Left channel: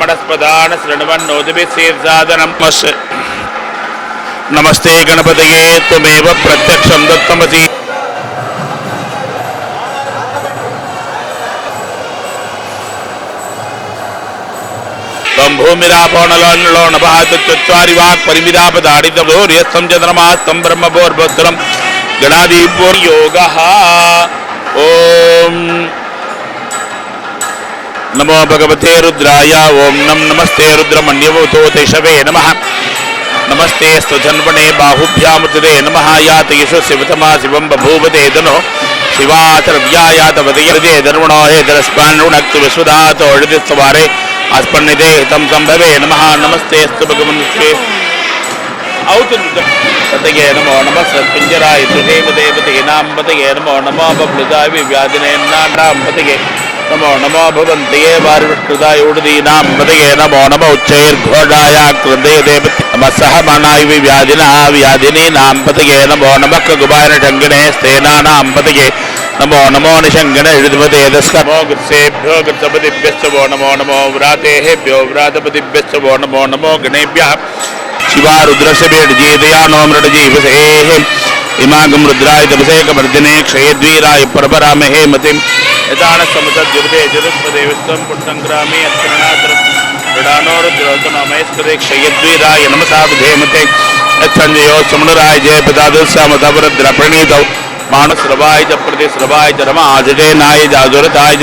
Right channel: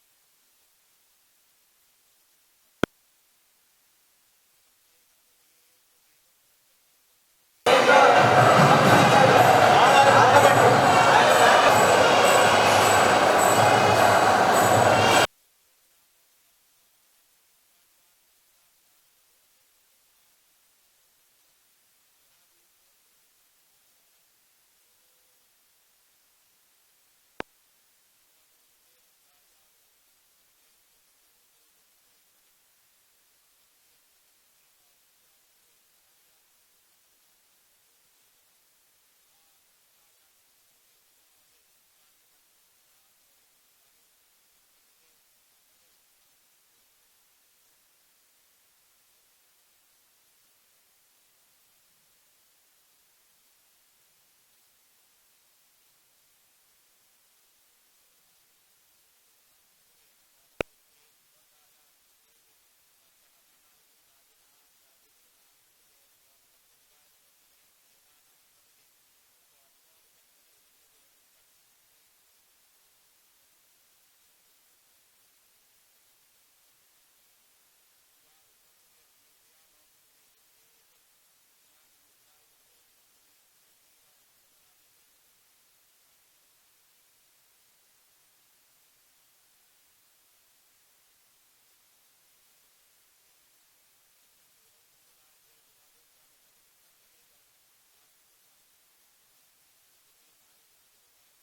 ब्रह्मणस्पदान शृण्वन्नोदिभिः नमस्ते गणपतये त्वमेव प्रत्यक्षं दत्तमसि। तम भूमिरापणलो नभात चत्वारि वाक् परिमिदापदाडितभूर्यस्तं चन्द्रमास्तं ब्रह्मभूर्भद्रं गणाधिपो योगः। ओम नमो भगवते रुद्राय। ओम नमस्ते रुद्रमण्यवतो तेषवे नमः। नमस्ते स्तुधन्वने बाहुभ्यामुदे नमः। यात यशो शिवतमा शिवं बभूवते धनो शिवातरव्यायातवदे धर्मणो हे दरस्पान्नुणक्तु विश्वदातो हृदिस्तवारे अस्पन्निदे हितं संभवे नमः। नमस्ते स्तु भगवन्ते औतुतये नमो नमः। सत्पिञ्जराय देवदेवतीनां पतये नमो नमो बभ्लुताय विव्याधिनेनां पतये नमो नमो भवन्तये वार्विष्कृताय उडदीनां पतये नमो नमो उच्चैर्घोषाय कृते देवते नमः सहमानाय विव्याधिना व्याधिनीनां पतये नमो नमः कुबारशङ्गिने स्तेनानां पतये नमो नमो निशङ्गिने हृद्वते दस्कमो गुत्सेभ्यो गुत्सपतिभ्यश्च वो नमो नमो व्रातेभ्यो व्रातपतिभ्यश्च वो नमो नमो गणेभ्यः। शिवा रुद्रस्य भेडजीदया नो मृडजीवसेः इमागं रुद्राय तपसेकवर्धिने क्षयद्वीराय परपरामहे मतिं यतान समसद्युपदे जगत्पदे विश्वं पुट्टङ्ग्रामे अत्करणातरणानो रुद्रोतनमयस्करे क्षयद्वीराय नमसा विधेमते यत्सञ्जयो समुनराय जयपदादुस्सामतवरद्रप्रणीतौ मानसरवाय च प्रतिसरवाय च रमाजटे नाय जाजुरताय च